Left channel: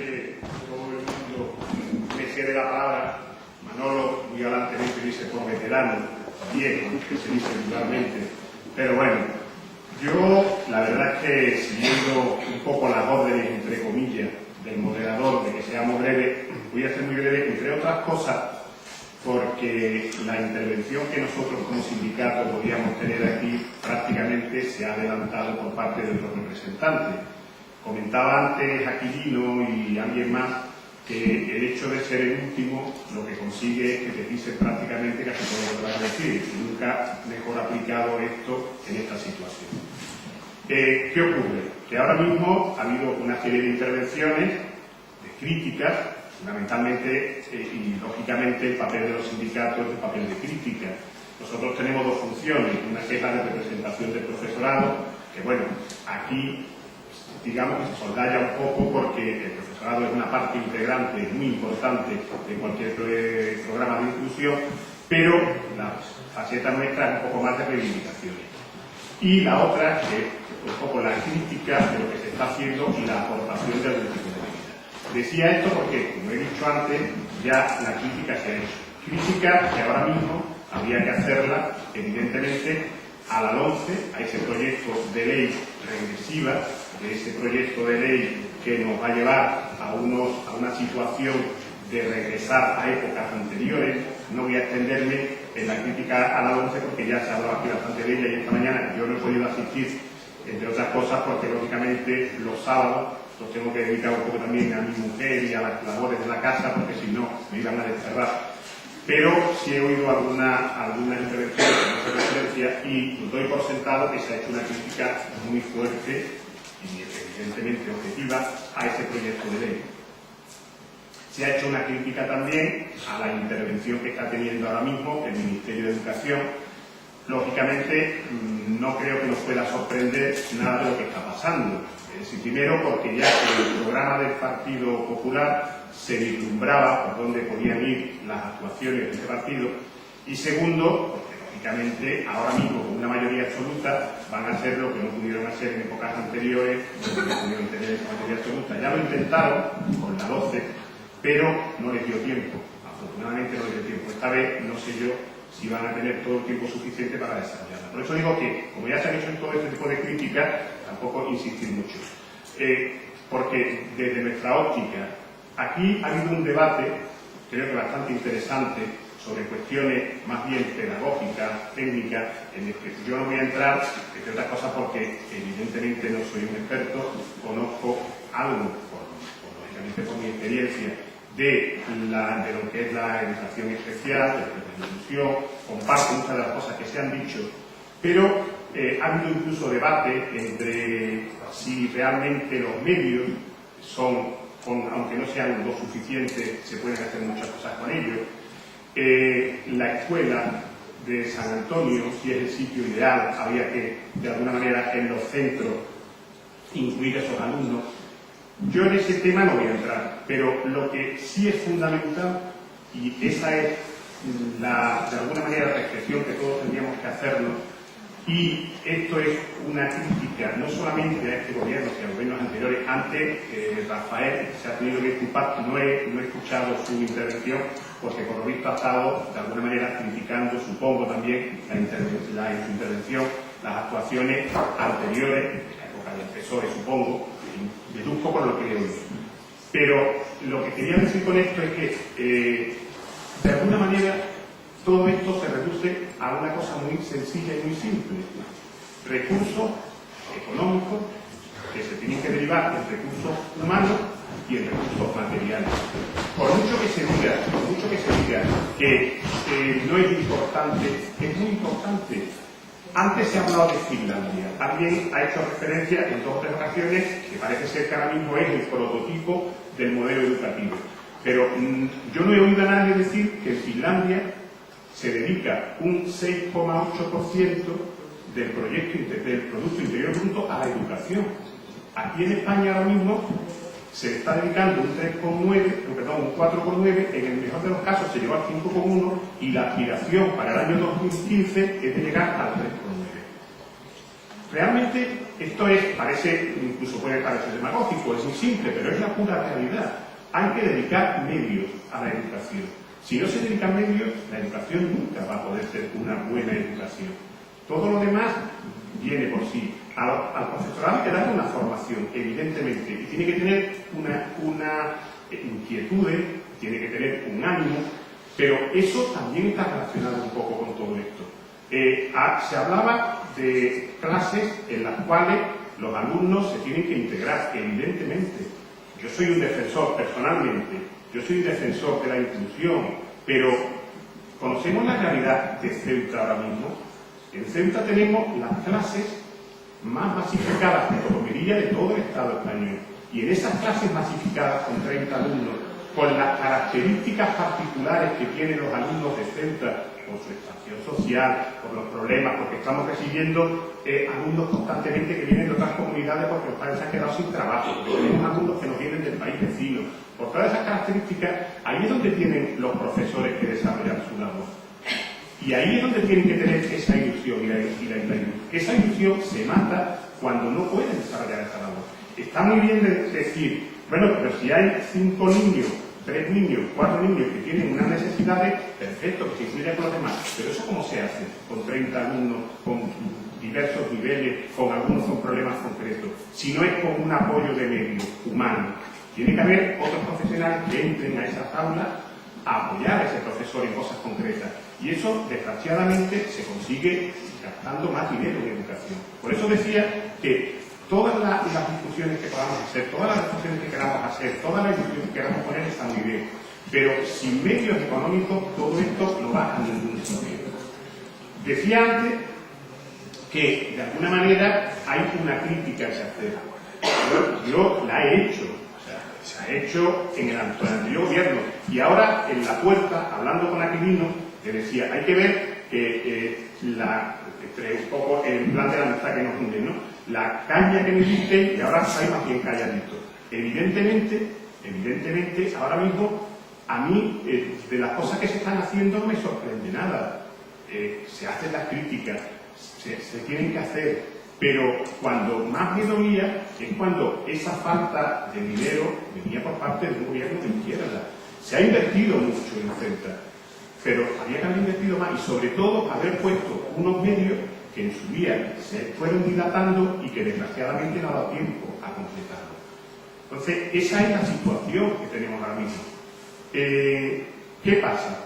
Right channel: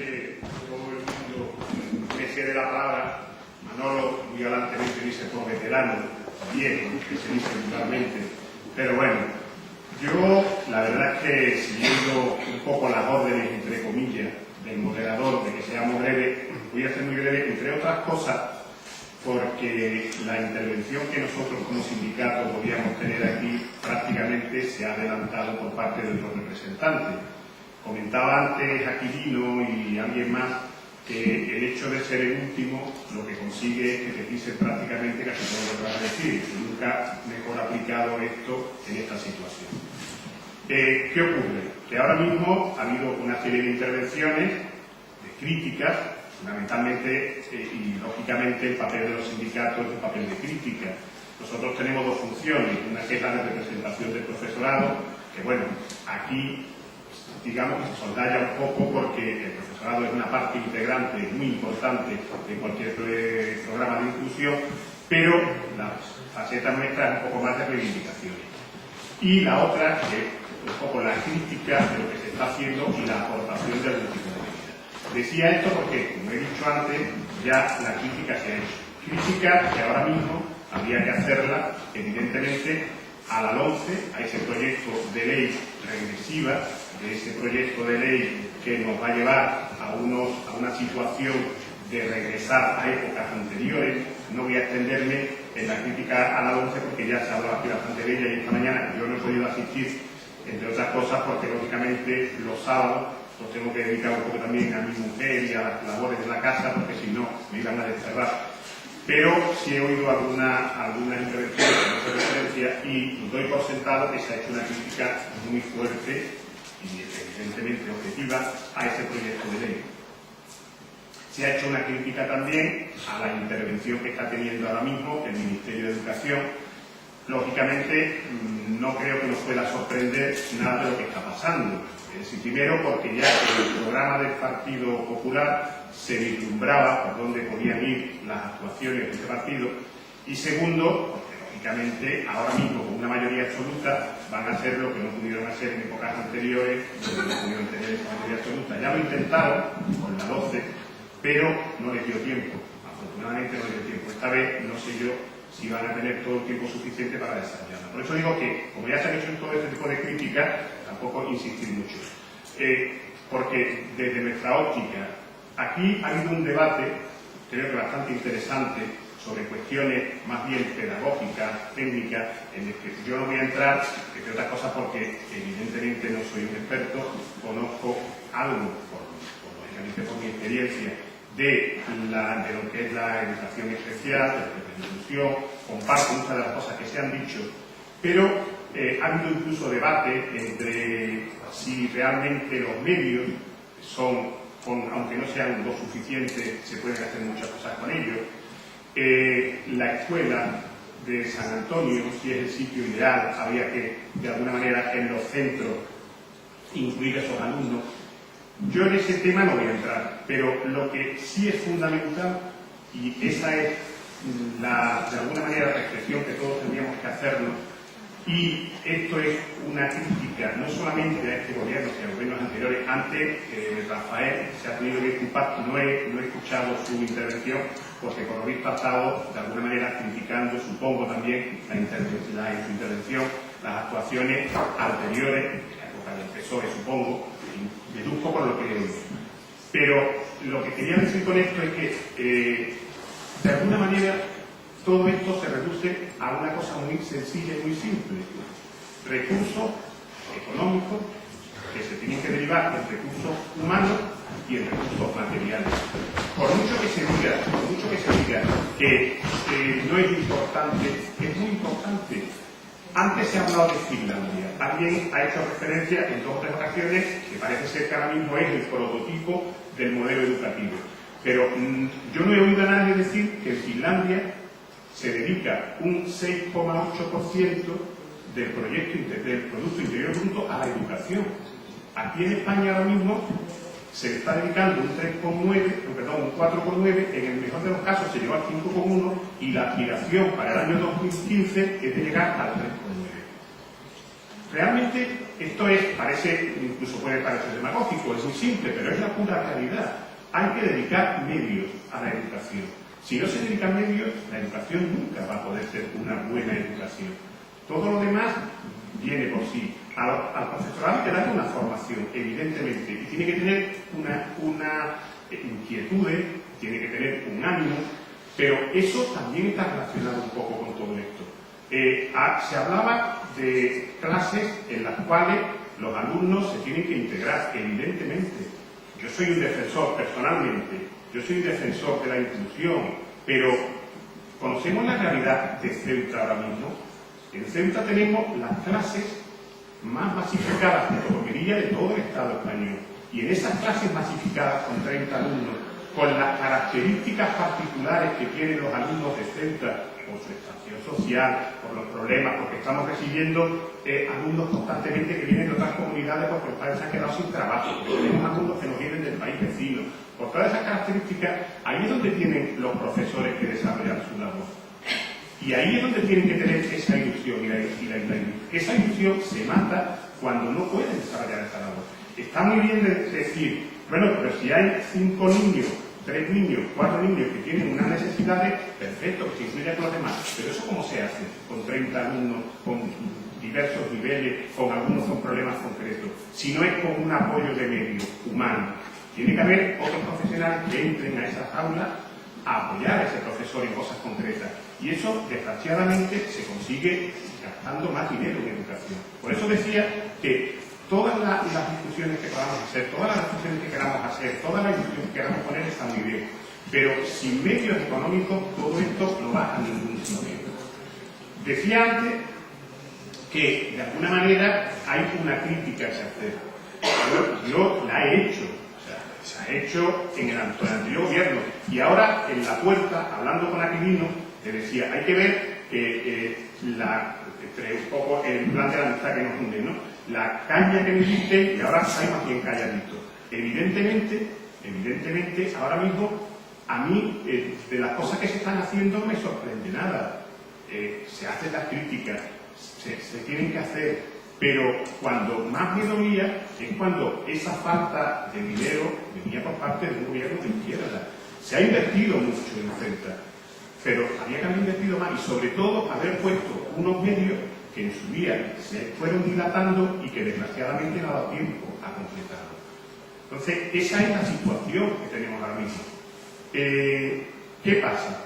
que todo el mundo me cede la palabra. Manolo muy galantemente dice por veterano, viejo, que se dice vulgarmente. Pero bueno, yo la verdad es que siguiendo un poco las órdenes, entre comillas, del moderador de que seamos breves, voy a ser muy breve, entre otras cosas, porque la intervención que nosotros como sindicato podíamos tener aquí prácticamente se ha adelantado por parte de otros representantes. Comentaba antes Aquilino y alguien más que el hecho de ser el último lo que consigue es que te pisen prácticamente casi todo lo que vas a decir. Nunca mejor aplicado esto en esta situación. ¿Qué ocurre? Que ahora mismo ha habido una serie de intervenciones, de críticas, fundamentalmente y lógicamente el papel de los sindicatos es el papel de crítica. Nosotros tenemos dos funciones, una que es la de representación del profesorado, que bueno, aquí digamos que se soldalla un poco porque el profesorado es una parte integrante muy importante de cualquier programa de inclusión, pero la faceta nuestra es un poco más de reivindicaciones. Y la otra es un poco la crítica de lo que se está haciendo y la aportación de algún tipo de medida. Decía esto porque, como he dicho antes, ya la crítica se ha hecho. Crítica que ahora mismo habría que hacerla, evidentemente, a la LOMCE, a ese proyecto de ley regresiva, de ese proyecto de ley que nos va a llevar a una situación de regresar a épocas anteriores. No voy a extenderme en la crítica a la LOMCE porque ya se ha hablado aquí bastante de ella y esta mañana yo no he podido asistir, entre otras cosas, porque lógicamente los sábados los tengo que dedicar un poco también a mi mujer y a las labores de la casa, porque si no me iban a desterrar. Pero sí he oído algunas intervenciones que no se referencia y doy por sentado que se ha hecho una crítica muy fuerte y evidentemente objetiva a ese proyecto de ley. Se ha hecho una crítica también a la intervención que está teniendo ahora mismo el Ministerio de Educación. Lógicamente, no creo que nos pueda sorprender nada de lo que está pasando. Es decir, primero, porque ya en el programa del Partido Popular se vislumbraba por dónde podían ir las actuaciones de ese partido. Y segundo, porque lógicamente ahora mismo con una mayoría absoluta van a hacer lo que no pudieron hacer en épocas anteriores, donde no pudieron tener mayoría absoluta. Ya lo intentaron con la 12, pero no les dio tiempo. Afortunadamente no les dio tiempo. Esta vez no sé yo si van a tener todo el tiempo suficiente para desarrollarla. Por eso digo que, como ya se han hecho en todo este tipo de críticas, tampoco insistir mucho. Porque desde nuestra óptica, aquí ha habido un debate, creo que bastante interesante, sobre cuestiones más bien pedagógicas, técnicas, en el que yo no voy a entrar, entre otras cosas porque evidentemente no soy un experto, conozco algo, lógicamente por mi experiencia, de lo que es la educación especial, de la inclusión, comparto muchas de las cosas que se han dicho, pero ha habido incluso debate entre si realmente los medios son, aunque no sean lo suficiente, se pueden hacer muchas cosas con ellos. La escuela de San Antonio, si es el sitio ideal, había que, de alguna manera, en los centros incluir a esos alumnos. Yo en ese tema no voy a entrar, pero lo que sí es fundamental, y esa es de alguna manera la reflexión que todos tendríamos que hacernos, y esto es una crítica no solamente a este gobierno, sino a gobiernos anteriores. Antes, Rafael se ha tenido que disculpar, no he escuchado su intervención, porque por lo visto ha estado de alguna manera criticando, supongo también, en su intervención, las actuaciones anteriores, en la época del PSOE, supongo, y deduzco por lo que he oído. Pero lo que quería decir con esto es que, de alguna manera, todo esto se reduce a una cosa muy sencilla y muy simple. Recursos económicos que se tienen que derivar en recursos humanos y en recursos materiales. Por mucho que se diga que no es importante, es muy importante. Antes se ha hablado de Finlandia. Alguien ha hecho referencia en 2 o 3 ocasiones que parece ser que ahora mismo es el prototipo del modelo educativo. Pero yo no he oído a nadie decir que en Finlandia se dedica un 6,8% del Producto Interior Bruto a la educación. Aquí en España ahora mismo se le está dedicando un 4,9%, en el mejor de los casos se llegó al 5,1% y la aspiración para el año 2015 es de llegar al 3,9%. Realmente Esto incluso puede parecer demagógico, es muy simple, pero es la pura realidad. Hay que dedicar medios a la educación. Si no se dedican medios, la educación nunca va a poder ser una buena educación. Todo lo demás viene por sí. Al profesorado hay que darle una formación, evidentemente, y tiene que tener una inquietud, tiene que tener un ánimo, pero eso también está relacionado un poco con todo esto. Se hablaba de clases en las cuales los alumnos se tienen que integrar, evidentemente. Yo soy un defensor, personalmente, yo soy un defensor de la inclusión, pero conocemos la realidad de Ceuta ahora mismo. En Ceuta tenemos las clases más masificadas de comería de todo el Estado español. Y en esas clases masificadas con 30 alumnos, con las características particulares que tienen los alumnos de Ceuta, por su estación social, por los problemas, porque estamos recibiendo alumnos constantemente que vienen de otras comunidades porque los padres se han quedado sin trabajo, porque tenemos alumnos que nos vienen del país vecino. Por todas esas características, ahí es donde tienen los profesores que desarrollar su labor. Y ahí es donde tienen que tener esa ilusión. Esa ilusión se mata cuando no pueden desarrollar esa labor. Está muy bien decir, bueno, pero si hay 5 niños, 3 niños, 4 niños que tienen unas necesidades, perfecto, que se incluya con los demás. Pero eso ¿cómo se hace? Con 30 alumnos, con diversos niveles, con algunos con problemas concretos. Si no es con un apoyo de medio humano. Tiene que haber otros profesionales que entren a esas aulas a apoyar a ese profesor en cosas concretas. Y eso, desgraciadamente, se consigue gastando más dinero en educación. Por eso decía que todas las discusiones que podamos hacer, todas las discusiones que queramos hacer, todas las discusiones que queramos poner están muy bien. Pero sin medios económicos, todo esto no va a ningún sitio. Decía antes que, de alguna manera, hay una crítica que hacer. Yo la he hecho. Se ha hecho en el anterior gobierno. Y ahora, en la puerta, hablando con Aquilino, le decía, hay que ver un poco el plan de la amistad que nos une, ¿no? La caña que me diste y ahora estáis más bien calladitos. Evidentemente, ahora mismo, a mí, de las cosas que se están haciendo, no me sorprende nada. Se hacen las críticas, se tienen que hacer. Pero cuando más me dolía es cuando esa falta de dinero venía por parte de un gobierno de izquierda. Se ha invertido mucho en Ceuta, pero había que haber invertido más y sobre todo haber puesto unos medios que en su día se fueron dilatando y que desgraciadamente no ha dado tiempo a completarlo. Entonces, esa es la situación que tenemos ahora mismo. ¿Qué pasa?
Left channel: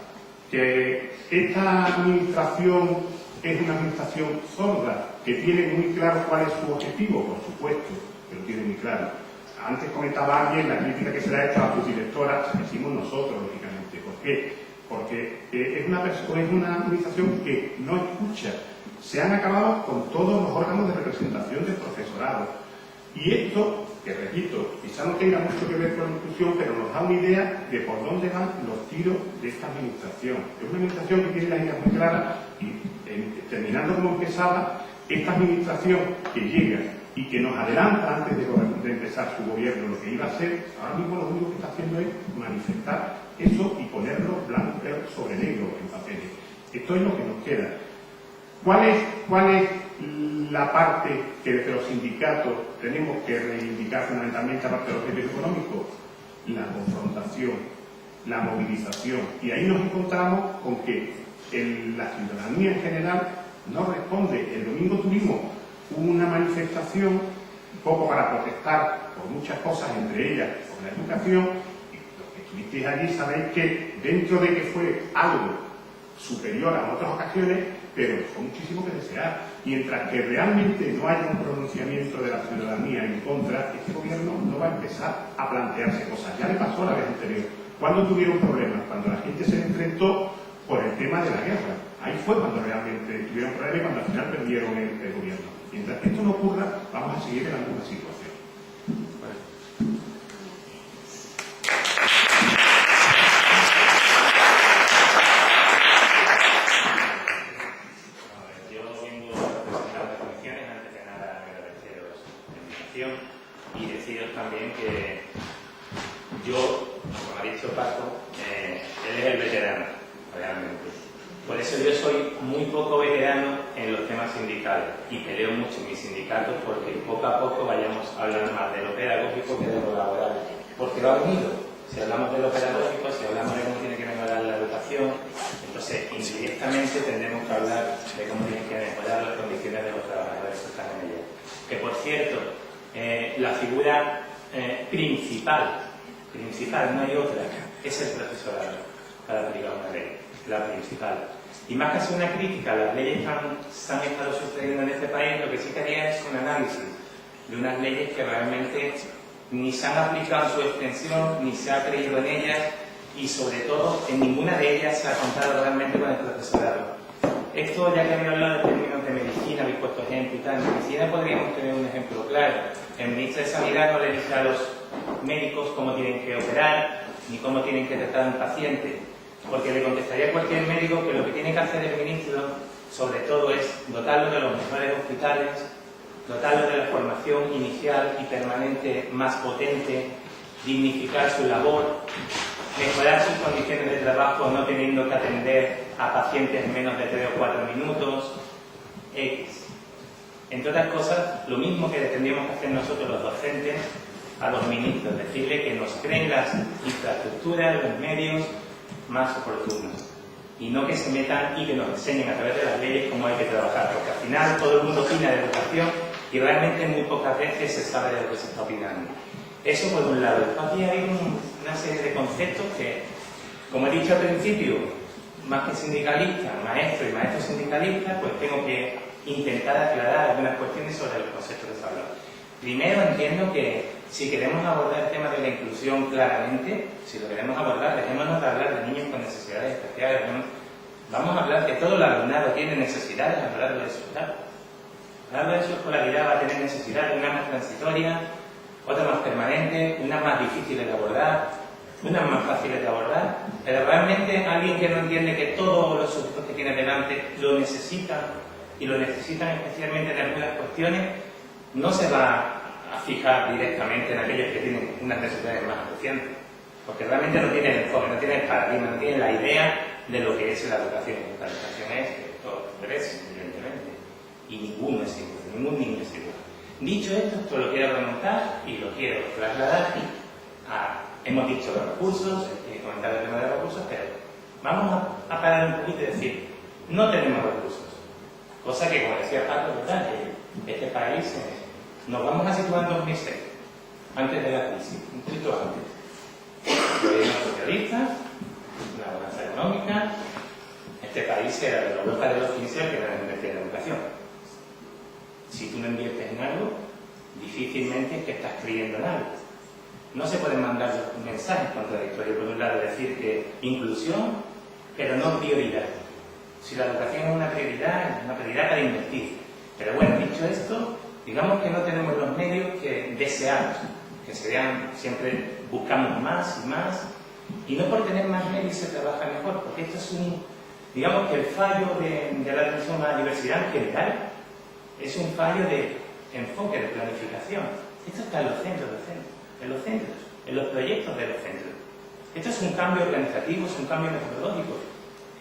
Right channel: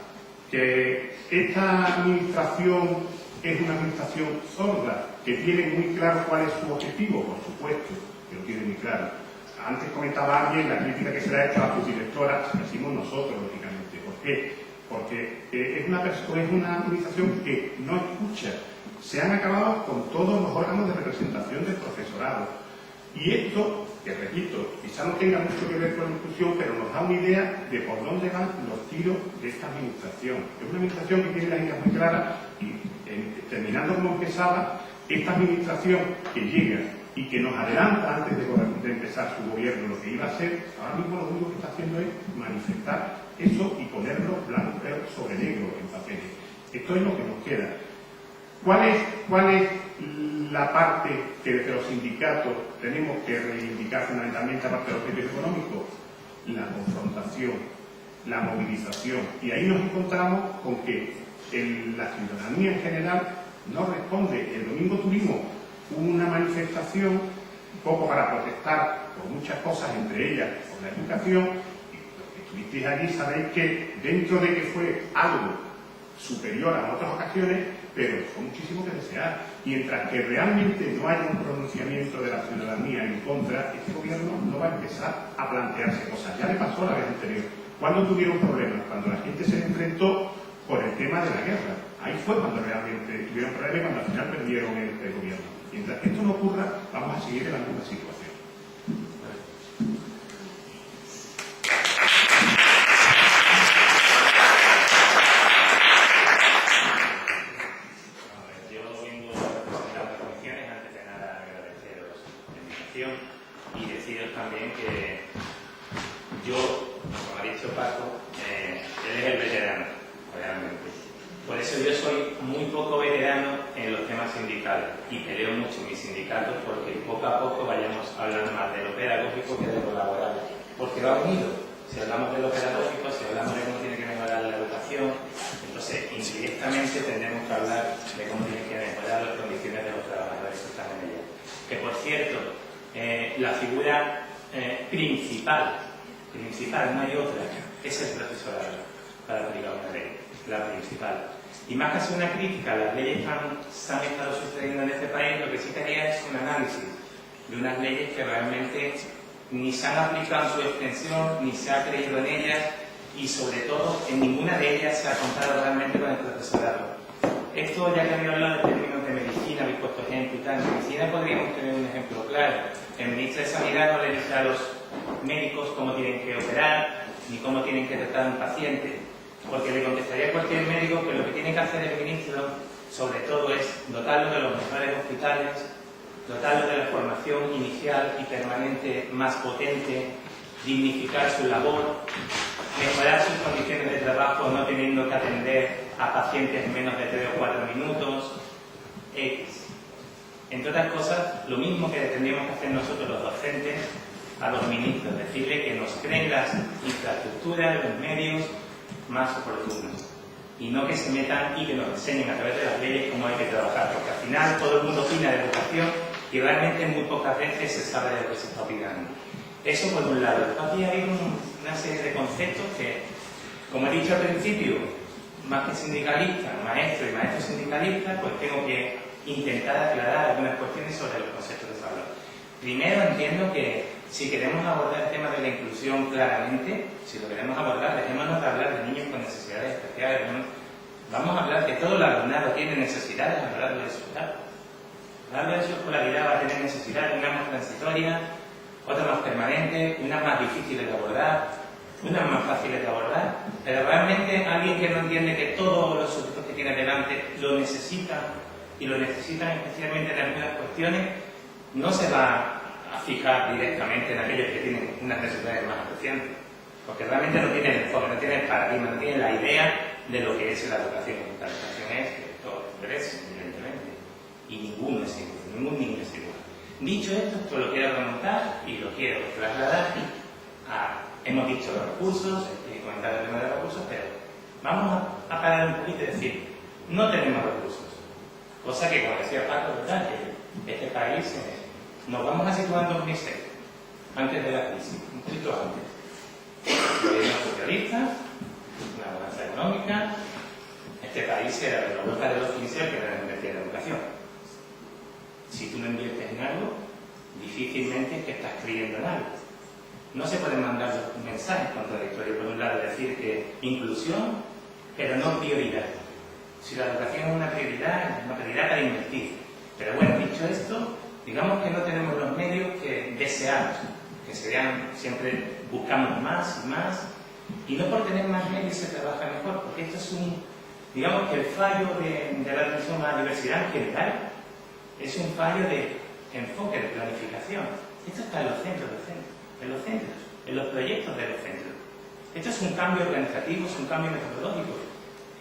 Que esta administración es una administración sorda, que tiene muy claro cuál es su objetivo, por supuesto, que lo tiene muy claro. Antes comentaba alguien la crítica que se le ha hecho a sus directoras, decimos nosotros, lógicamente. ¿Por qué? Porque es una administración que no escucha. Se han acabado con todos los órganos de representación del profesorado. Y esto, que repito, quizá no tenga mucho que ver con la inclusión, pero nos da una idea de por dónde van los tiros de esta administración. Es una administración que tiene las ideas muy claras y, terminando como empezaba, esta administración que llega y que nos adelanta antes de empezar su gobierno lo que iba a hacer, ahora mismo lo único que está haciendo es manifestar eso y ponerlo blanco sobre negro en papeles. Esto es lo que nos queda. ¿Cuál es la parte que desde los sindicatos tenemos que reivindicar fundamentalmente aparte de los medios económicos? La confrontación, la movilización. Y ahí nos encontramos con que la ciudadanía en general no responde. El domingo tuvimos una manifestación un poco para protestar por muchas cosas, entre ellas por la educación, y los que estuvisteis allí sabéis que dentro de que fue algo superior a otras ocasiones, pero dejó muchísimo que desear. Mientras que realmente no haya un pronunciamiento de la ciudadanía en contra, este gobierno no va a empezar a plantearse cosas. Ya le pasó la vez anterior. ¿Cuándo tuvieron problemas? Cuando la gente se enfrentó por el tema de la guerra. Ahí fue cuando realmente tuvieron problemas y cuando al final perdieron el gobierno. Mientras que esto no ocurra, vamos a seguir en la misma situación. Yo vengo representando las comisiones, antes de nada agradeceros la invitación y deciros también que yo, como ha dicho Paco, él es el veterano, realmente. Por eso yo soy muy poco veterano en los temas sindicales y peleo mucho en mis sindicatos porque poco a poco vayamos hablando más de lo pedagógico que de lo laboral. Porque va unido. Si hablamos de lo pedagógico, si hablamos de cómo tiene que mejorar la educación, entonces indirectamente tendremos que hablar de cómo tienen que mejorar las condiciones de los trabajadores que están en ella. Que por cierto, la figura principal, no hay otra, es el profesorado para aplicar una ley, la principal. Y más que hacer una crítica a las leyes que se han estado sucediendo en este país, lo que sí quería es un análisis de unas leyes que realmente ni se han aplicado en su extensión, ni se ha creído en ellas y sobre todo en ninguna de ellas se ha contado realmente con el profesorado. Esto, ya que había hablado de términos de medicina, habéis puesto ejemplo y tal, en medicina podríamos tener un ejemplo claro. El ministro de Sanidad no le dice a los médicos cómo tienen que operar ni cómo tienen que tratar a un paciente, porque le contestaría a cualquier médico que lo que tiene que hacer el ministro, sobre todo, es dotarlo de los mejores hospitales, dotarlo de la formación inicial y permanente más potente, dignificar su labor, mejorar sus condiciones de trabajo no teniendo que atender a pacientes en menos de 3 o 4 minutos, X. Entre otras cosas, lo mismo que tendríamos que hacer nosotros los docentes a los ministros, decirle que nos creen las infraestructuras, los medios más oportunos y no que se metan y que nos enseñen a través de las leyes cómo hay que trabajar, porque al final todo el mundo opina de educación y realmente muy pocas veces se sabe de lo que se está opinando. Eso por un lado. Aquí hay una serie de conceptos que, como he dicho al principio, más que sindicalista, maestro y maestro sindicalista, pues tengo que intentar aclarar algunas cuestiones sobre los conceptos que se hablan. Primero, entiendo que si queremos abordar el tema de la inclusión claramente, si lo queremos abordar, dejémonos de hablar de niños con necesidades especiales. Vamos a hablar que todo el alumnado tiene necesidades a lo largo de su edad. A lo largo de su escolaridad va a tener necesidades, una más transitoria, otra más permanente, unas más difíciles de abordar, unas más fáciles de abordar, pero realmente alguien que no entiende que todos los sujetos que tiene delante lo necesitan y lo necesitan especialmente en algunas cuestiones, no se va a fijar directamente en aquellos que tienen unas necesidades más acuciantes, porque realmente no tiene el enfoque, no tiene el paradigma, no tiene la idea de lo que es la educación. La educación es que todos merecen, evidentemente, y ninguno es igual, ningún niño es igual. Dicho esto lo quiero remontar y lo quiero trasladar a... Hemos dicho los recursos, he comentado el tema de los recursos, pero vamos a parar un poquito y decir, no tenemos recursos. Cosa que, como decía Paco, ¿verdad? Que este país nos vamos a situar en 2006, antes de la crisis, un poquito antes. Gobierno socialista, una bonanza económica, este país era de la Europa de los 15 que era invertir en educación. Si tú no inviertes en algo, difícilmente es que estás creyendo en algo. No se pueden mandar mensajes contradictorios. Por un lado, decir que inclusión, pero no prioridad. Si la educación es una prioridad para invertir. Pero bueno, dicho esto, digamos que no tenemos los medios que deseamos, que serían, siempre buscamos más y más, y no por tener más medios se trabaja mejor, porque esto es digamos que el fallo de la atención a la diversidad en general es un fallo de enfoque, de planificación. Esto está en los centros docentes, en los proyectos de los centros. Esto es un cambio organizativo, es un cambio metodológico.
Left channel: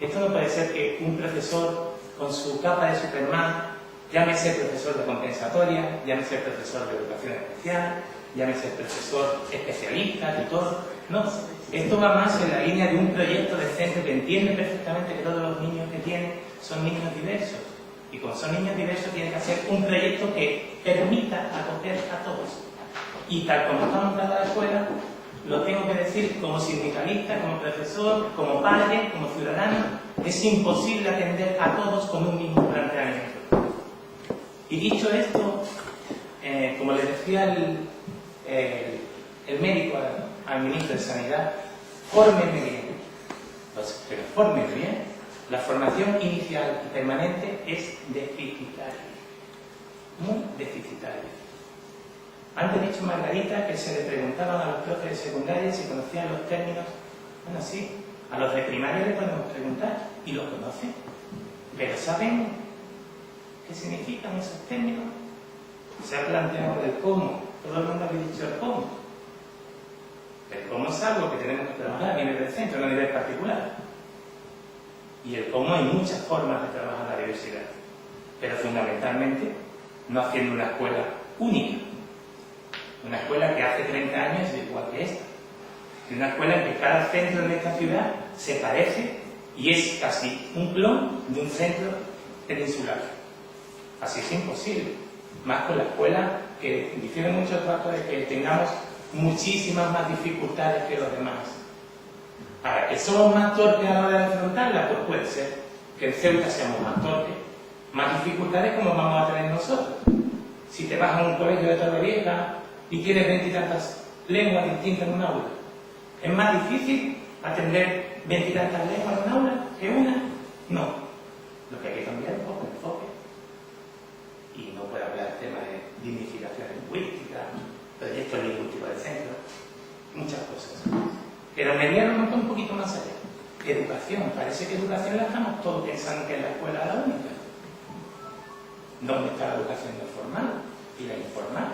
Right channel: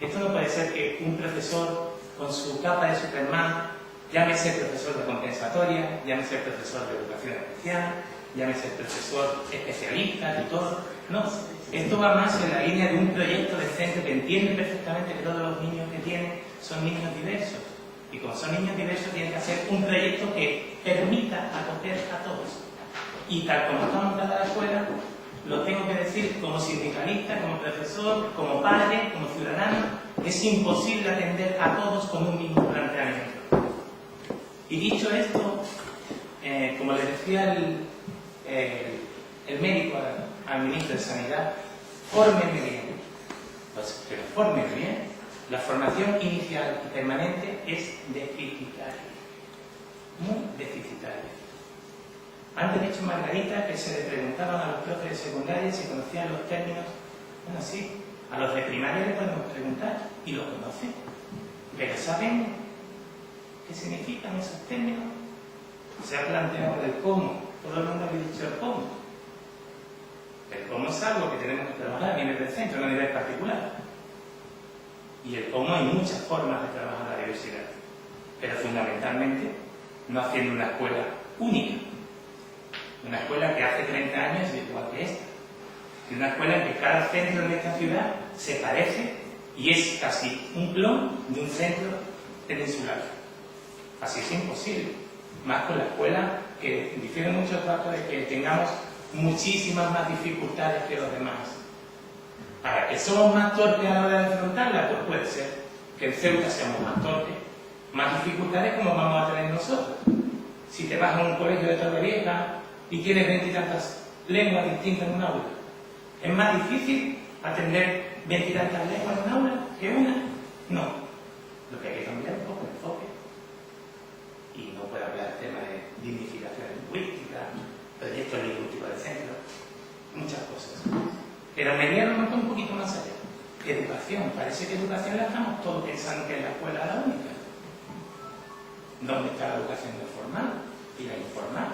Esto no puede ser que un profesor con su capa de Superman, llámese profesor de compensatoria, llámese profesor de educación especial, llámese profesor especialista, tutor. No, esto va más en la línea de un proyecto de centro que entiende perfectamente que todos los niños que tiene son niños diversos. Y como son niños diversos, tienen que hacer un proyecto que permita acoger a todos. Y tal como está montada la escuela, lo tengo que decir como sindicalista, como profesor, como padre, como ciudadano, es imposible atender a todos con un mismo planteamiento. Y dicho esto, como le decía el médico al ministro de Sanidad, fórmenme bien. Pues, pero fórmenme bien. La formación inicial y permanente es deficitaria. Muy deficitaria. Antes he dicho Margarita que se le preguntaban a los profes de secundaria si conocían los términos. Bueno, sí, a los de primaria le podemos preguntar y los conocen. Pero ¿saben qué significan esos términos? Se ha planteado el cómo. Todo el mundo ha dicho el cómo. El cómo es algo que tenemos que trabajar a nivel del centro, no a nivel particular. y el cómo hay muchas formas de trabajar la diversidad, pero fundamentalmente no haciendo una escuela única, una escuela que hace 30 años es igual que esta, y una escuela en que cada centro de esta ciudad se parece y es casi un clon de un centro peninsular. Así es imposible, más con la escuela que difiere mucho el trato de que tengamos muchísimas más dificultades que los demás. Ahora, ¿que somos más torpes a la hora de afrontarla? Pues puede ser que en Ceuta seamos más torpes, más dificultades como vamos a tener nosotros. Si te vas a un colegio de Torrevieja y tienes 20 y tantas lenguas distintas en un aula, ¿es más difícil atender 20 y tantas lenguas en un aula que una? No. Lo que hay que cambiar es un poco el enfoque. Y no puede hablar del tema de dignificación lingüística, proyectos lingüísticos del centro, muchas cosas. Pero me voy a remontar un poquito más allá. Educación. Parece que educación la estamos todos pensando que es la escuela la única. ¿Dónde está la educación no formal y la informal?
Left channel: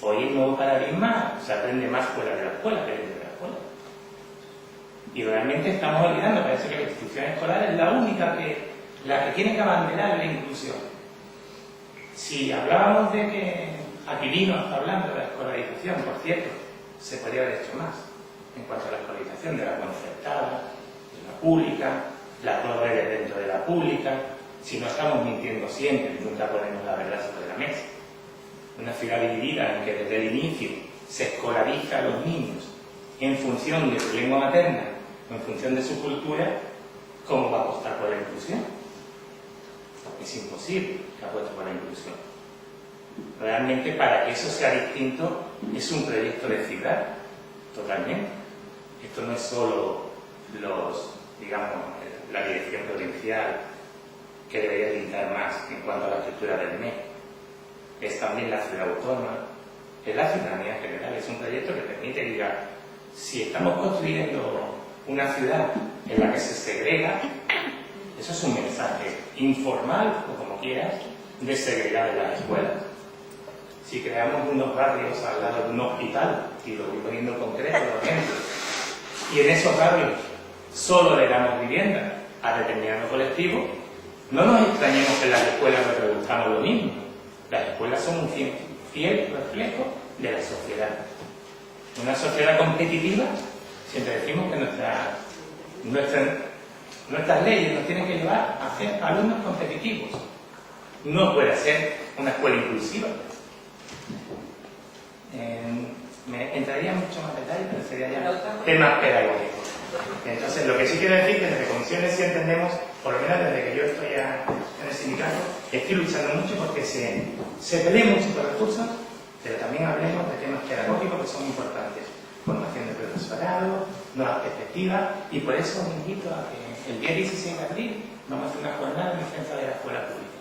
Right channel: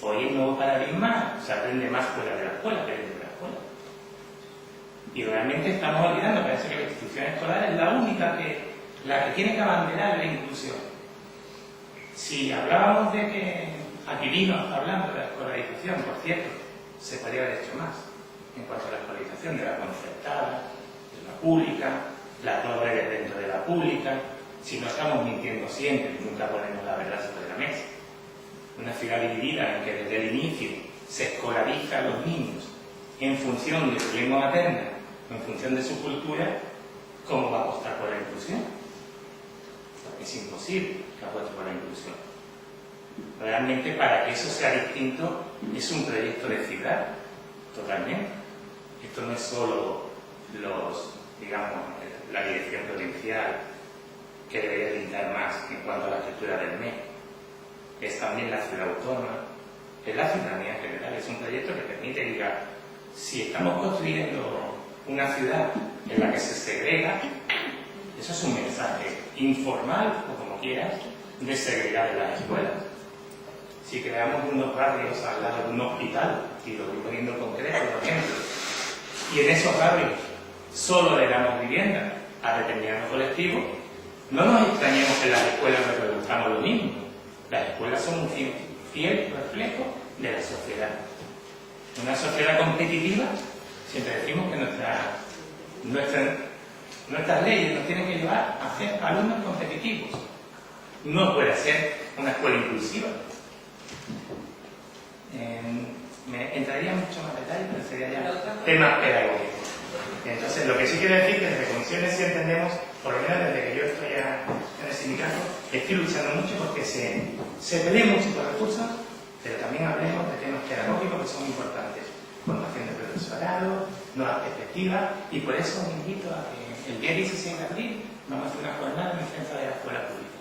Hoy el nuevo paradigma se aprende más fuera de la escuela que dentro de la escuela. Y realmente estamos olvidando, parece que la institución escolar es la única la que tiene que abanderar la inclusión. Si hablábamos de que Aquilino está hablando de la escolarización, por cierto, se podría haber hecho más en cuanto a la escolarización de la concertada, de la pública, las dos redes dentro de la pública. Si no estamos mintiendo siempre y nunca ponemos la verdad sobre la mesa. Una ciudad dividida en que desde el inicio se escolariza a los niños en función de su lengua materna o en función de su cultura, ¿cómo va a apostar por la inclusión? Es imposible que apueste por la inclusión. Realmente, para que eso sea distinto, es un proyecto de ciudad, totalmente. Esto no es solo la dirección provincial, que debería limitar más en cuanto a la estructura del MEC. Es también la ciudad autónoma, es la ciudadanía en general. Es un proyecto que permite diga, si estamos construyendo una ciudad en la que se segrega, eso es un mensaje informal, o como quieras, de segregar en las escuelas. Si creamos unos barrios al lado de un hospital, y lo voy poniendo concreto, por ejemplo, y en esos barrios solo le damos vivienda a determinado colectivo, no nos extrañemos que en las escuelas reproduzcamos lo mismo. Las escuelas son un fiel reflejo de la sociedad. Una sociedad competitiva, siempre decimos que nuestras leyes nos tienen que llevar a ser alumnos competitivos. No puede ser una escuela inclusiva. Me entraría mucho más detalle, pero sería ya temas pedagógicos. Entonces, lo que sí quiero decir es que desde Comisiones sí entendemos, por lo menos desde que yo estoy en el sindicato, estoy luchando mucho porque se peleen muchos recursos, pero también hablemos de temas pedagógicos que son importantes. Formación de profesorado, nuevas perspectivas, y por eso os invito a que el día 16 de abril vamos a hacer una jornada en defensa de la escuela pública,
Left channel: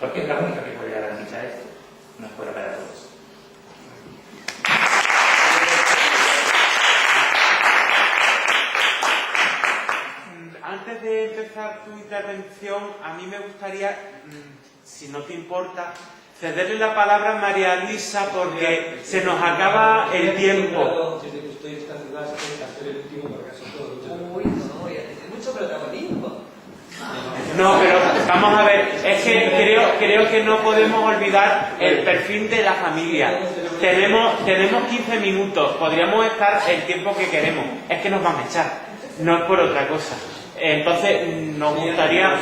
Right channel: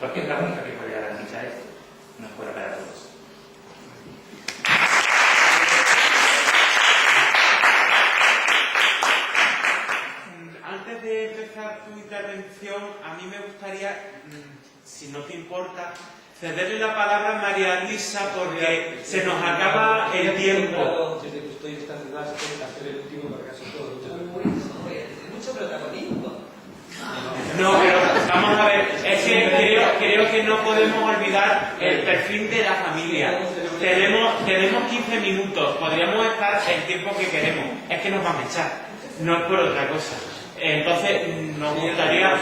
porque es la única que puede garantizar esto, una escuela para todos. Antes de empezar tu intervención, a mí me gustaría, si no te importa, cederle la palabra a María Luisa porque se nos acaba el tiempo. Desde que estoy en esta ciudad, ser el último para casi todo. Uy, no, voy a tener mucho protagonismo. No, pero vamos a ver, es que creo que no podemos olvidar el perfil de la familia. Tenemos 15 minutos, podríamos estar el tiempo que queremos. Es que nos van a echar, no es por otra cosa. Entonces, nos gustaría...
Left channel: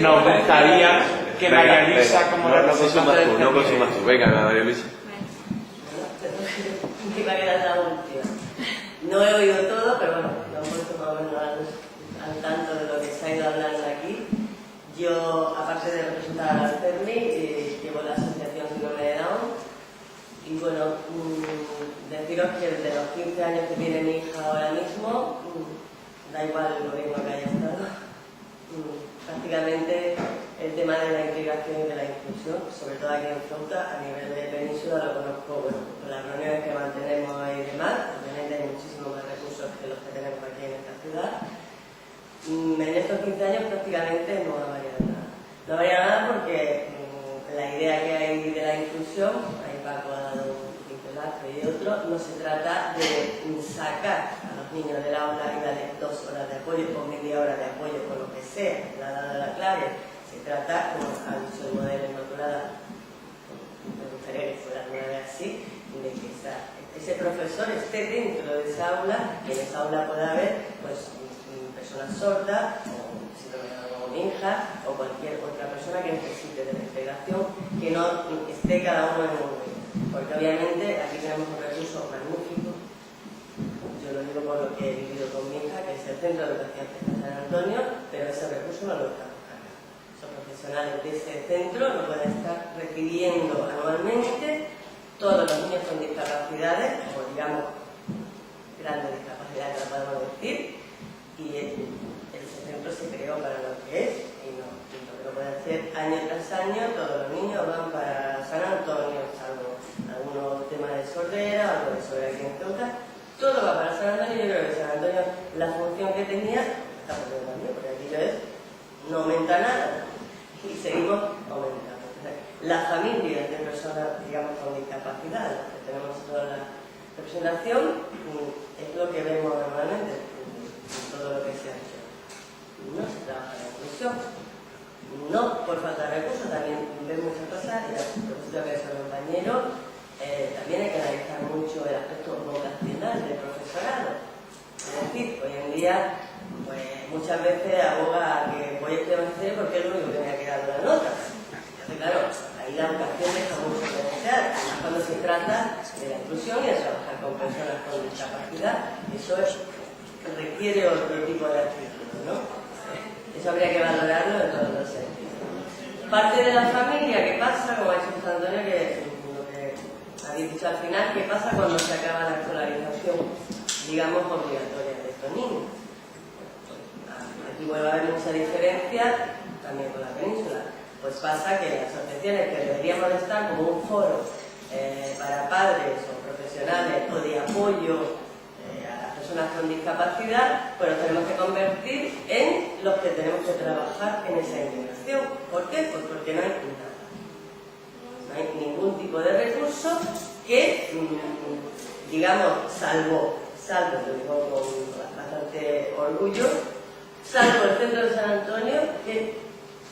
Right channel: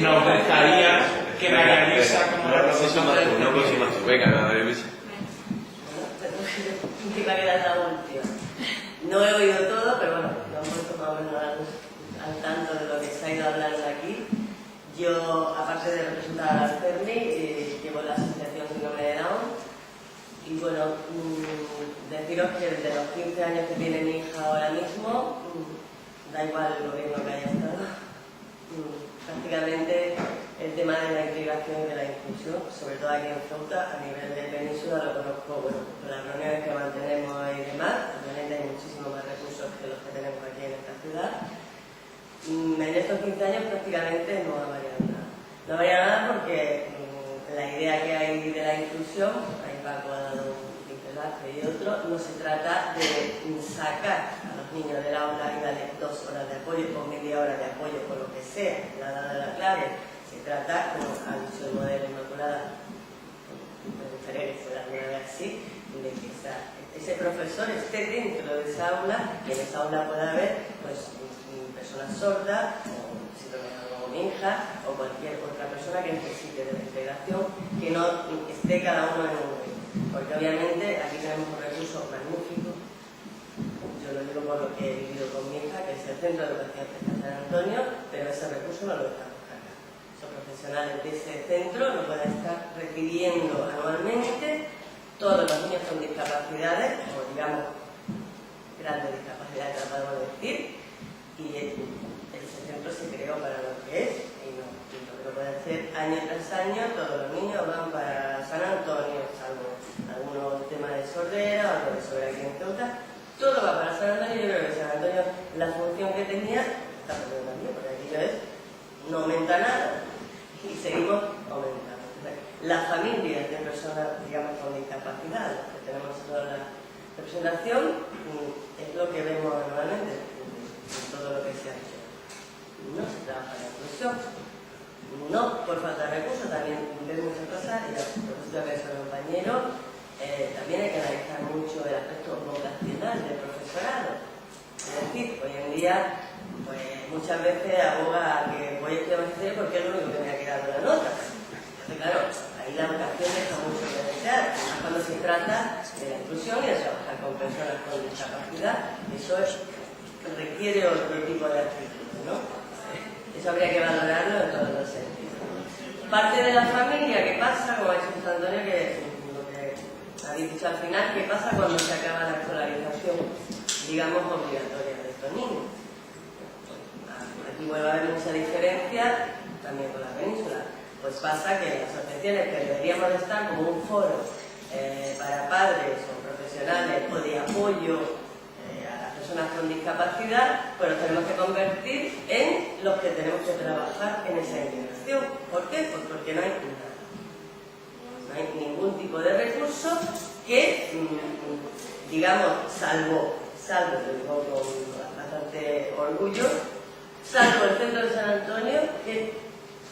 Nos gustaría que María Luisa, como representante del no consumas tu beca, María Luisa. Mi variedad es la última. No he oído todo, pero bueno, lo he puesto más o menos al tanto de lo que se ha ido hablando aquí. Yo, aparte de representar a la CERMI, llevo la Asociación Síndrome de Down. Y bueno, deciros que desde los 15 años que tiene mi hija ahora mismo, da igual el gobierno que haya estado, prácticamente el tema de la integración y de la inclusión, sobre todo aquí en Ceuta, a nivel de península, lo conozco con las reuniones que mantenemos y demás. Obviamente hay muchísimos más recursos que los que tenemos aquí en esta ciudad. En estos 15 años prácticamente no ha variado nada. No ha variado nada porque la idea que hay de la inclusión, ahí Paco ha dado un pincelazo y otro, no se trata de sacar a los niños del aula y darles 2 horas de apoyo o media hora de apoyo con lo que sea, la ha dado la clave. Se trata, como ha dicho el modelo Inmaculada, me gustaría que fuera alguna vez así, de que ese profesor esté dentro de esa aula y en esa aula pueda haber pues, personas sordas o síndrome de Down o cualquier otra persona que necesite de la integración, que no esté cada uno en un grupo. Porque obviamente aquí tenemos un recurso magnífico. Yo lo digo por lo que he vivido con mi hija, que es el Centro de Educación Especial San Antonio, pero ese recurso no lo estamos cargando. Esos profesionales de ese centro no pueden estar recibiendo anualmente todos los niños con discapacidades, o digamos, grandes discapacidades, que lo podemos decir, y ese centro se creó para lo que es, y no lo puede hacer año tras año. Todos los niños van para San Antonio, salvo algunos temas de sordera, algo de sordera aquí en Ceuta, todo va para San Antonio. Yo creo que San Antonio, la función que tenía, está perdiendo también, porque aquello es, no aumenta nada, y seguimos aumentando. Las familias de personas, digamos, con discapacidad, las que tenemos toda la representación, es lo que vemos normalmente en todo lo que se ha hecho. No se trabaja la inclusión, no por falta de recursos, también ven muchas cosas, y la profesora que es el compañero, también hay que analizar mucho el aspecto vocacional del profesorado. Es decir, hoy en día, pues muchas veces aboga a que voy a estudiar magisterio porque es lo único que me ha quedado la nota. Entonces, claro, ahí la vocación deja mucho que desear, además cuando se trata de la inclusión y de trabajar con personas con discapacidad. Eso requiere otro tipo de actitud, ¿no? Eso habría que valorarlo en todos los sentidos. Parte de la familia, ¿qué pasa? Como ha dicho José Antonio, que lo que habéis dicho al final, ¿qué pasa cuando se acaba la escolarización, digamos, obligatoria de estos niños? Aquí vuelve a haber mucha diferencia, también con la península. Pues pasa que las asociaciones que deberíamos estar como un foro para padres o profesionales o de apoyo a las personas con discapacidad, pues los tenemos que convertir en los que tenemos que trabajar en esa integración. ¿Por qué? Pues porque no hay nada. No hay ningún tipo de recurso que, digamos, salvo, lo digo con bastante orgullo, salvo el Centro de San Antonio, que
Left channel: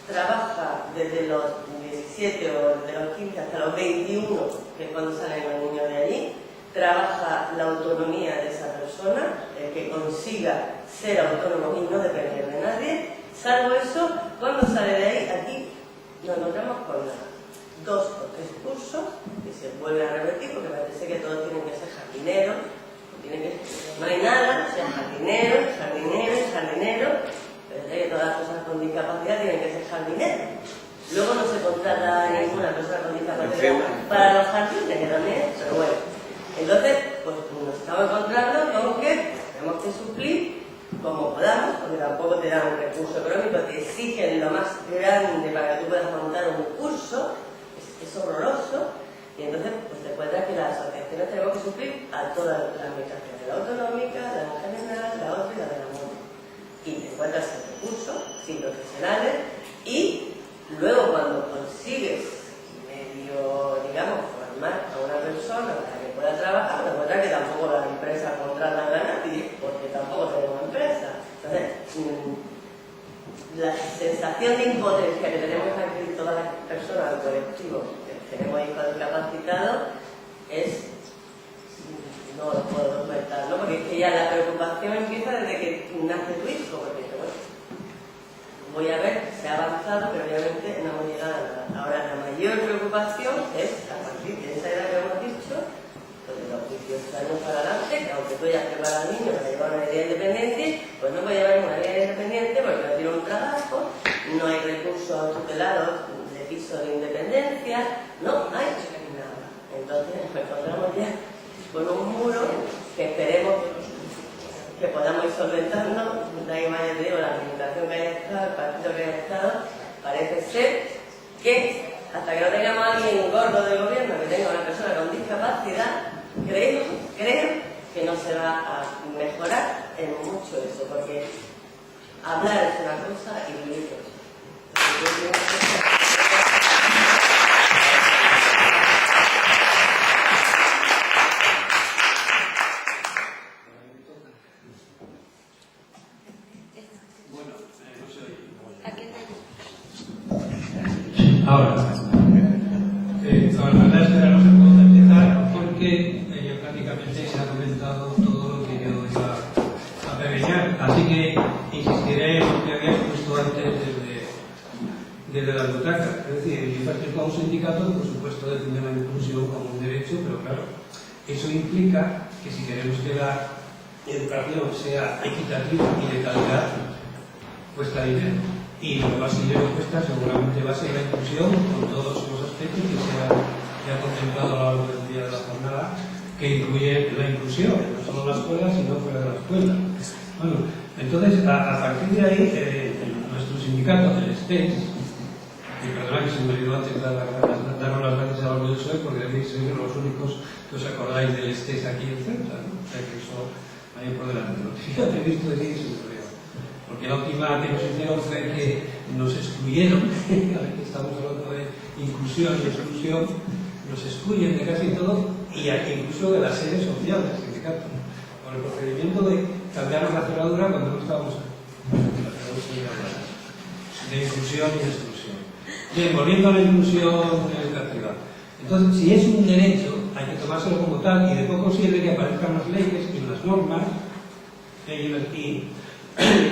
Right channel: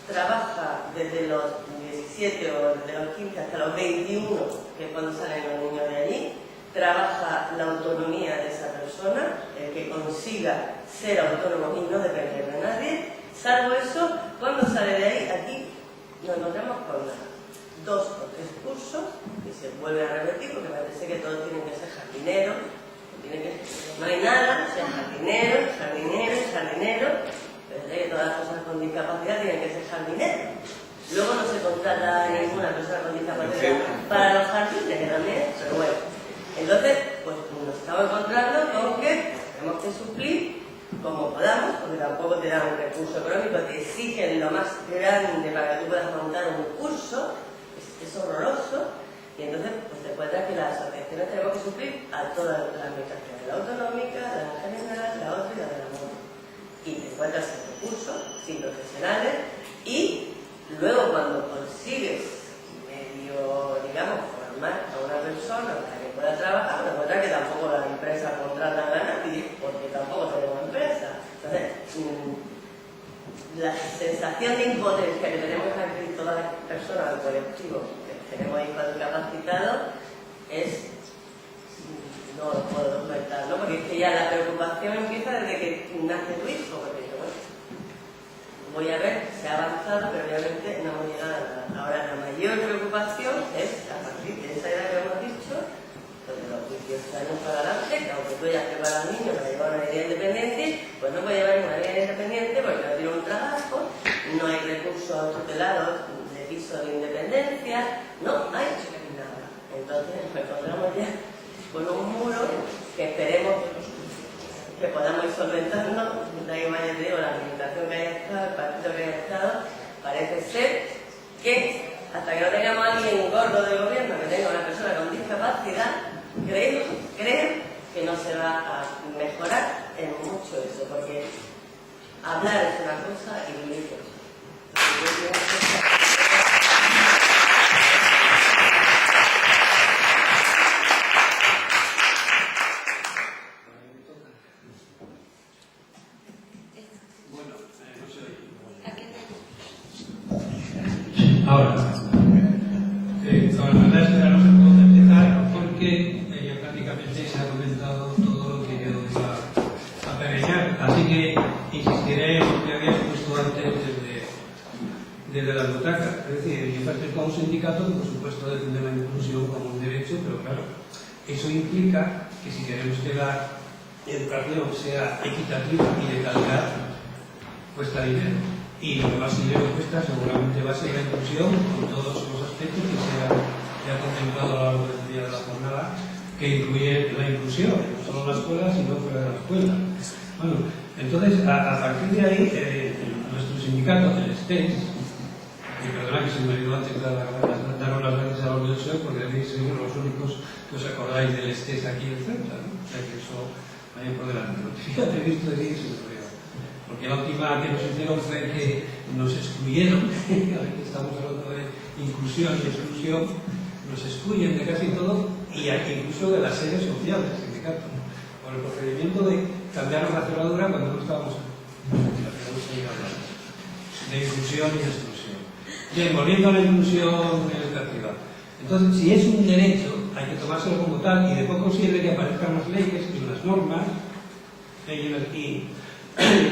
trabaja desde los 17 o desde los 15 hasta los 21, que es cuando salen los niños de allí, trabaja la autonomía de esa persona, el que consiga ser autónomo y no depender de nadie. Salvo eso, cuando sale de ahí, aquí nos encontramos con nada. 2 o 3 cursos y se vuelve a repetir, porque parece que todos tienen que ser jardineros, no hay nada, o sea, jardinero, pero todas las personas con discapacidad tienen que ser jardineros. Luego no se contrata a ninguna persona con discapacidad para los jardines, que también, pero bueno. Entonces, pues nos estamos encontrando con que tenemos que suplir como podamos, porque tampoco te dan un recurso económico, te exigen lo más grande para que tú puedas montar un curso, es horroroso, y entonces pues te encuentras que las asociaciones tenemos que suplir a todas las administraciones, la autonómica, la general, la otra y la de la MONA. Y te encuentras sin recursos, sin profesionales, y luego cuando consigues medio, digamos, formar a una persona para que pueda trabajar, te encuentras que tampoco las empresas contratan a nadie, porque tampoco tenemos empresas. Entonces, la sensación de impotencia que tenemos aquí todas las personas del colectivo que tenemos hijos discapacitados es, no lo puedo comentar, ¿no? Porque es que ya la preocupación empieza desde que nace tu hijo, porque bueno, voy a ver, se ha avanzado, pero obviamente no hemos llegado a nada. Ahora, la mayor preocupación es, a partir de esa edad que hemos dicho, pues de los 18 años para adelante, que aunque tú hayas preparado al niño para llevar una vida independiente, pues no puede llevar una vida independiente porque no tiene un trabajo, no hay recursos tutelados de piso de independencia, no hay nada. Entonces nos encontramos ya con un muro que esperemos que podamos ir solventando. Da igual, ya te digo, la administración que haya estado, el partido que haya estado, parece ser que hasta que no tengamos a alguien gordo del gobierno que tenga una persona con discapacidad, creo que no se va a mejorar en mucho eso, porque hablar es una cosa y vivir es otra. espera, no se puede empezar porque ya prácticamente se ha comentado todo lo que yo iba a pequeñar. Así que insistiré en lo que había puesto antes desde la butaca. Es decir, yo pertenezco a un sindicato que, por supuesto, defiende la inclusión como un derecho, pero claro, eso implica que si queremos que la educación sea equitativa y de calidad, cuesta dinero. Y lo que más dinero cuesta seguramente va a ser la inclusión con todos los aspectos que se ha contemplado a lo largo del día de la jornada, que incluye la inclusión, no solo en la escuela, sino fuera de la escuela. Bueno, entonces, a partir de ahí, nuestro sindicato, el STES, y perdona que se me olvidó antes daros las gracias a los de hoy, porque debéis ser los únicos que os acordáis del STES aquí en Ceuta, ¿no? O sea que eso vaya por delante. Fíjate, he visto decir eso, porque la última que nos hicieron fue que nos excluyeron, ahora que estamos hablando de inclusión y exclusión, nos excluyen de casi todo, y incluso de las sedes sociales del sindicato, por el procedimiento de cambiar la cerradura cuando no estábamos de inclusión y exclusión. Bien, volviendo a la inclusión educativa. Entonces, si es un derecho, hay que tomárselo como tal, y de poco sirve que aparezcan las leyes y las normas y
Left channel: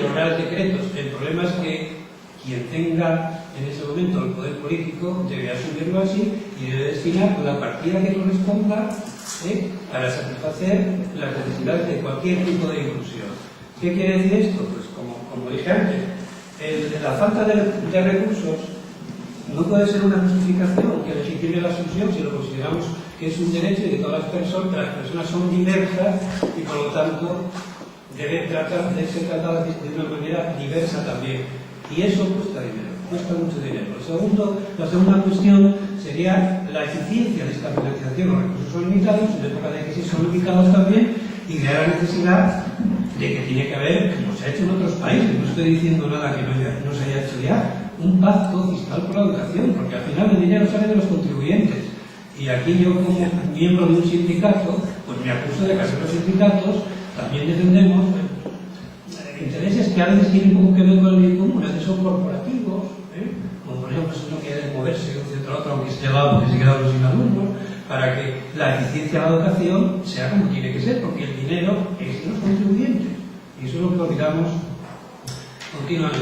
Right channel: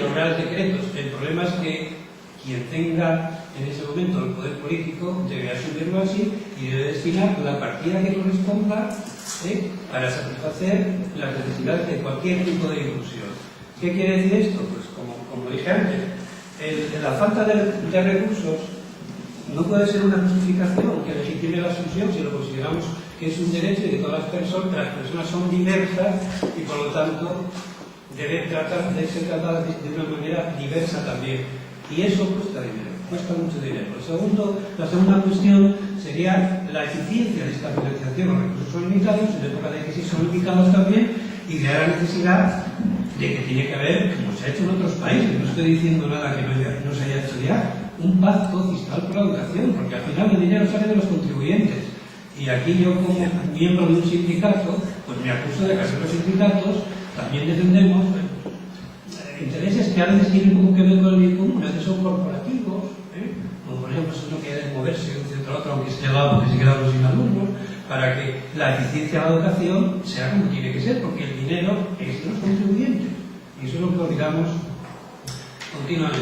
los reales decretos. El problema es que quien tenga en ese momento el poder político debe asumirlo así y debe destinar la partida que corresponda para satisfacer las necesidades de cualquier tipo de inclusión. ¿Qué quiere decir esto? Pues como dije antes, la falta de recursos no puede ser una justificación que legitime la exclusión si lo consideramos que es un derecho y que todas las personas son diversas y por lo tanto deben ser tratadas de una manera diversa también. Y eso cuesta dinero, cuesta mucho dinero. La segunda cuestión sería la eficiencia de esta financiación. Los recursos son limitados, en época de crisis son limitados también, y de la necesidad de que tiene que haber, como se ha hecho en otros países, no estoy diciendo nada que no se haya hecho ya, un pacto fiscal por la educación, porque al final el dinero sale de los contribuyentes. Y aquí yo, como miembro de un sindicato, pues me acuso de que los sindicatos también defendemos intereses que a veces tienen poco que ver con el bien común, a veces son corporativos, como por ejemplo si uno quiere moverse de un centro a otro, aunque esté al lado, porque se quedan sin alumnos, para que la eficiencia de la educación sea como tiene que ser, porque el dinero es de los contribuyentes. Y eso es lo que olvidamos continuamente.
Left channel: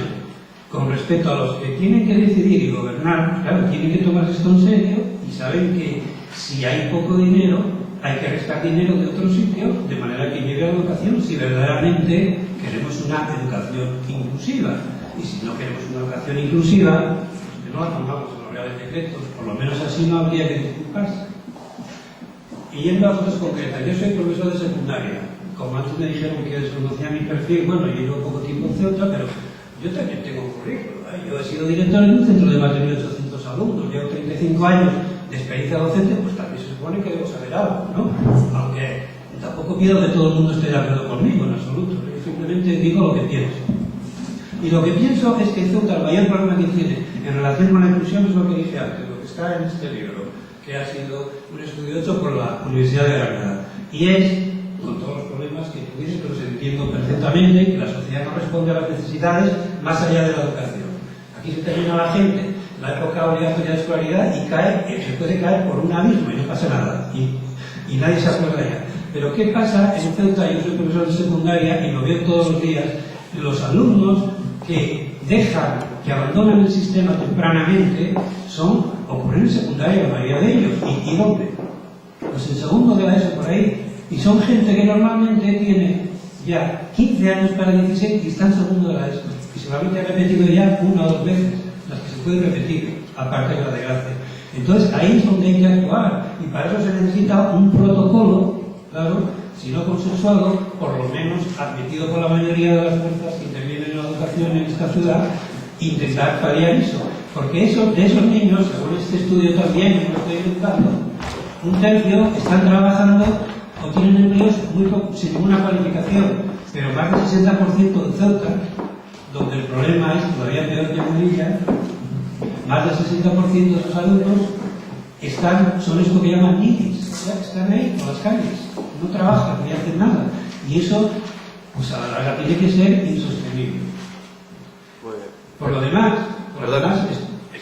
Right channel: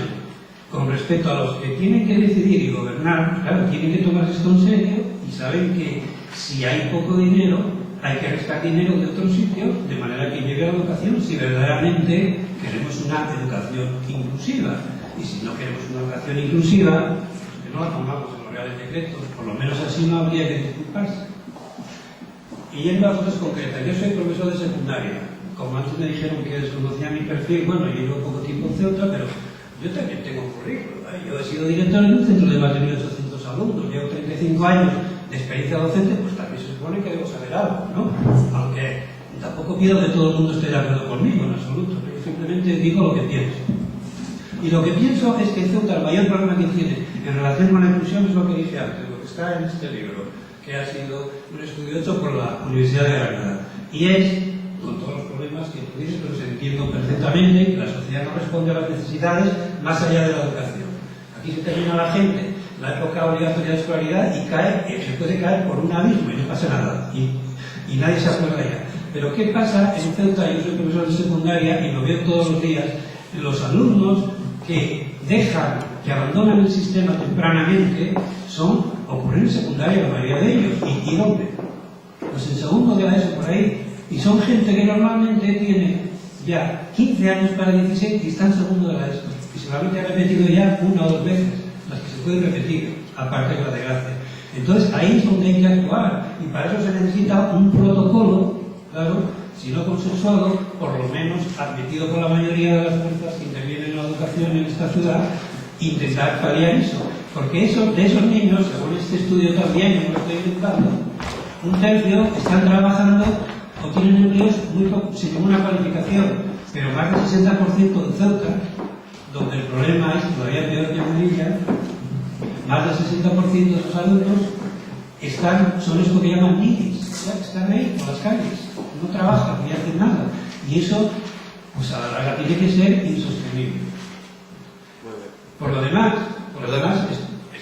Con respecto a los que tienen que decidir y gobernar, claro, tienen que tomarse esto en serio y saben que si hay poco dinero, hay que restar dinero de otros sitios de manera que llegue a la educación si verdaderamente queremos una educación inclusiva. Y si no queremos una educación inclusiva, pues que no la pongamos en los reales decretos, por lo menos así no habría que disculparse. Y yendo a cosas concretas, yo soy profesor de secundaria. Como antes me dijeron que desconocía mi perfil, bueno, yo llevo poco tiempo en Ceuta, pero yo también tengo un currículum. Yo he sido director de un centro de más de 1.800 alumnos, llevo 35 años de experiencia docente, pues también se supone que debo saber algo, ¿no? Aunque tampoco pido que todo el mundo esté de acuerdo conmigo, en absoluto. Yo simplemente digo lo que pienso. Y lo que pienso es que Ceuta, el mayor problema que tiene en relación con la inclusión es lo que dije antes, lo que está en este libro, que ha sido un estudio hecho por la Universidad de Granada. Y es, con todos los problemas que tú dices, pero se entiendo perfectamente que la sociedad no responde a las necesidades más allá de la educación. Aquí se termina la gente, la época obligatoria de escolaridad, y se puede caer por un abismo y no pasa nada. Y nadie se acuerda ya. Pero ¿qué pasa en Ceuta? Yo soy profesor de secundaria y lo veo todos los días. Los alumnos que abandonan el sistema tempranamente ocurren en secundaria, la mayoría de ellos. ¿Y dónde? Pues en segundo de la ESO, por ahí. Y son gente que normalmente tiene ya 15 años para 16 y está en segundo de la ESO. Y solamente ha repetido ya una o dos veces, las que se pueden repetir, aparte de la desgracia. Entonces ahí es donde hay que actuar. Y para eso se necesita un protocolo, claro, si no consensuado, por lo menos admitido por la mayoría de las fuerzas que intervienen en la educación en esta ciudad, intentar paliar eso. Porque de esos niños, según este estudio también, que me lo estoy inventando, un tercio están trabajando o tienen empleos sin ninguna cualificación, pero más del 60% de Ceuta, donde el problema es todavía peor que Melilla, más del 60% de esos alumnos son esto que llaman ninis, están ahí por las calles, no trabajan ni hacen nada, y eso pues a la larga tiene que ser insostenible. Por lo demás,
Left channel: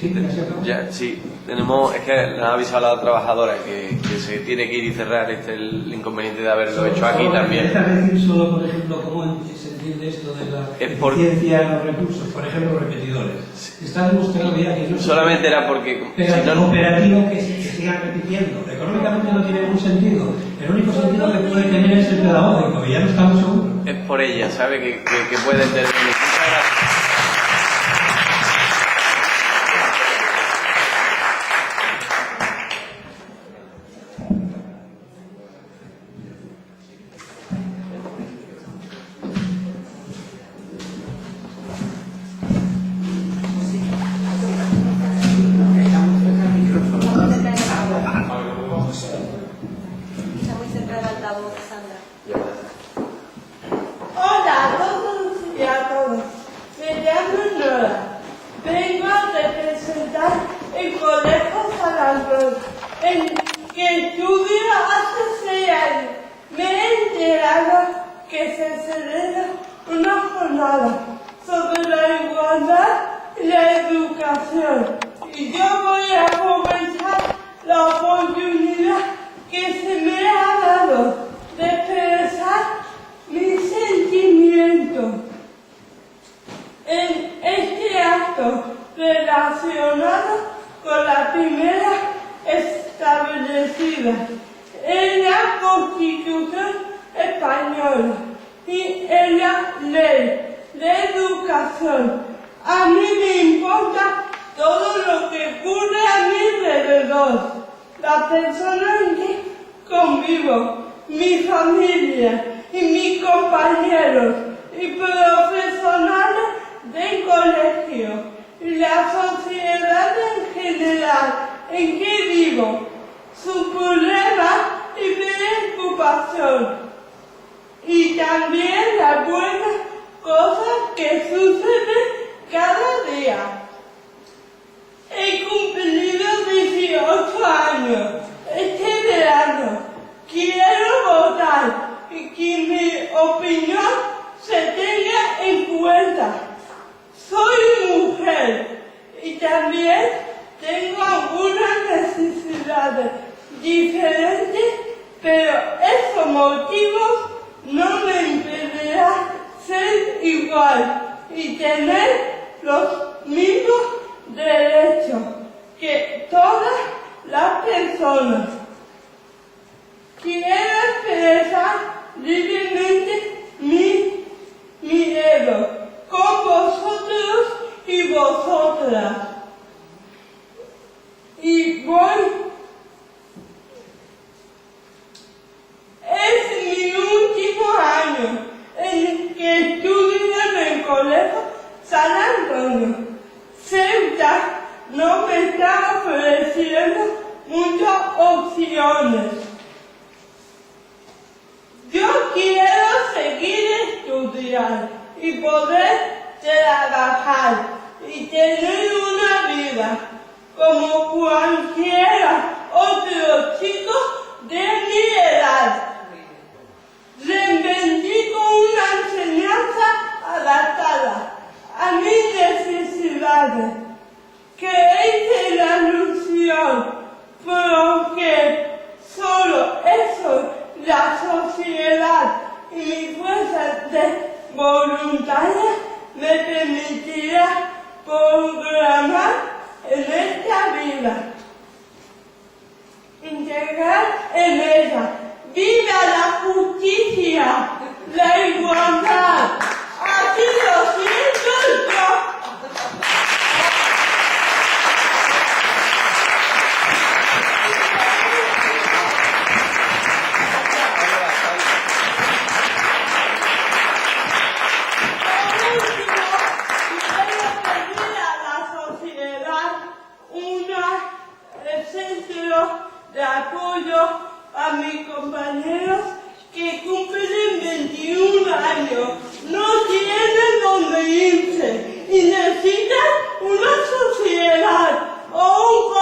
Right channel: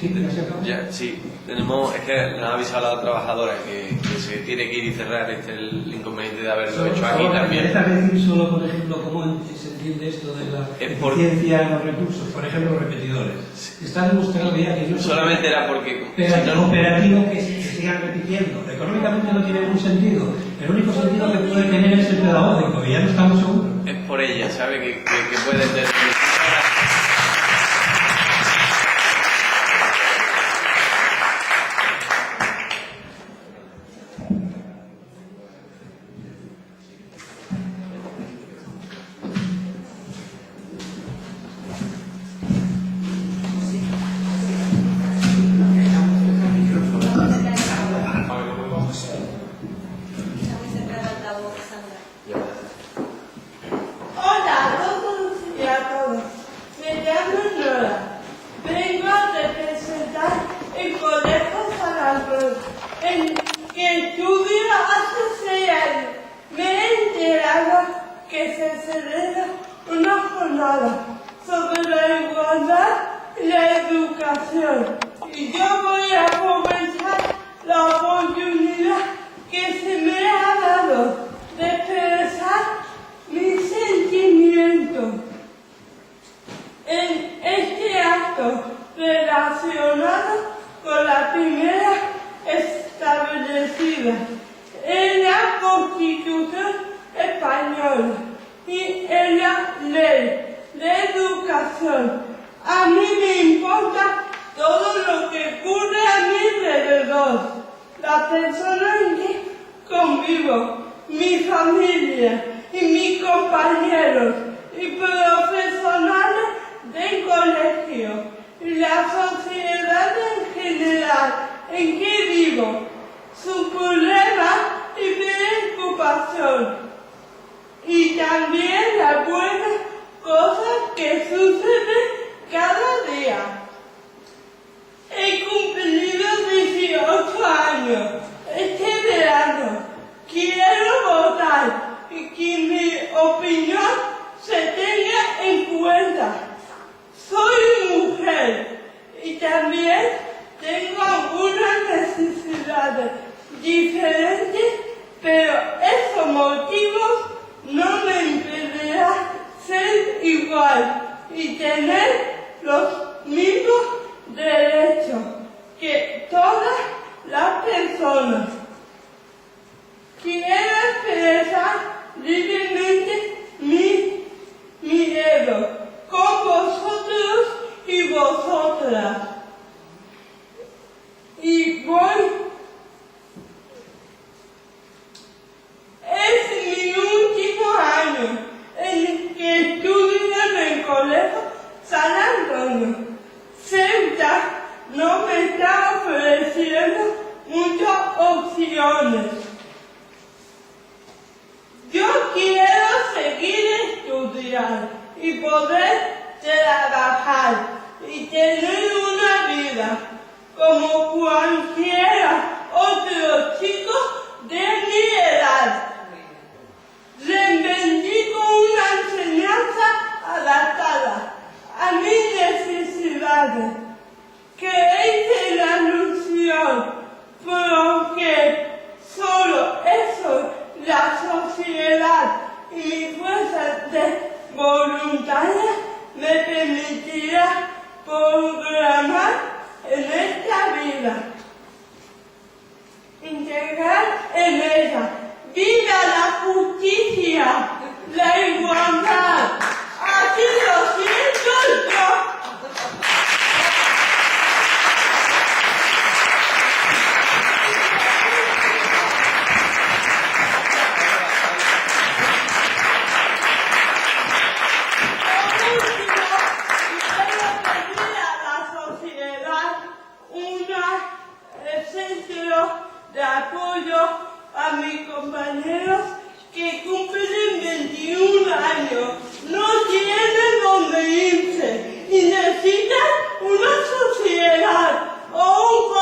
Sí, pero se acabó. Ya, sí, tenemos, es que nos ha avisado la trabajadora que se tiene que ir y cerrar el inconveniente de haberlo hecho aquí también. ¿Me dejas decir solo, por ejemplo, cómo se entiende esto de la eficiencia en los recursos? Por ejemplo, los repetidores. Está demostrado ya que no solamente era porque... pero si no, operativo que sigan repitiendo. Económicamente no tiene ningún sentido. El único sentido que puede tener es el pedagógico, y ya no estamos seguros. es por ella, ¿sabe? Que puede tener... Hola a todos y a todas. Me llamo Nora. Vengo a representar el Colegio San Antonio, en que estudio hace 6 años. Me he enterado que se celebra una jornada sobre la igualdad y la educación. Y yo voy a aprovechar la oportunidad que se me ha dado de expresar mis sentimientos en este acto relacionado con la primera establecida en la Constitución Española y en la Ley de Educación. A mí me importa todo lo que ocurre a mi alrededor, las personas en que convivo, mi familia y mis compañeros y profesionales del colegio y la sociedad en general en que vivo, sus problemas y preocupación y también las buenas cosas que suceden cada día. He cumplido 18 años este verano. Quiero votar y que mi opinión se tenga en cuenta. Soy mujer y también tengo algunas necesidades diferentes, pero esos motivos no me impedirán ser igual y tener los mismos derechos que todas las personas. Quiero expresar libremente mi miedo con vosotros y vosotras. Y es mi último año en que estudio en el Colegio San Antonio. Ceuta no me está ofreciendo muchas opciones. Yo quiero seguir estudiando y poder trabajar y tener una vida como cualquiera otro chico de mi edad. Reivindico una enseñanza adaptada a mis necesidades, que es la alusión, porque solo eso la sociedad y mi fuerza de voluntaria me permitirá programar en esta vida, integrar en ella. ¡Viva la justicia! ¡La igualdad! ¡Así lo siento yo! De apoyo a mis compañeros que cumplen 21 años, no tienen donde irse y necesitan una sociedad o un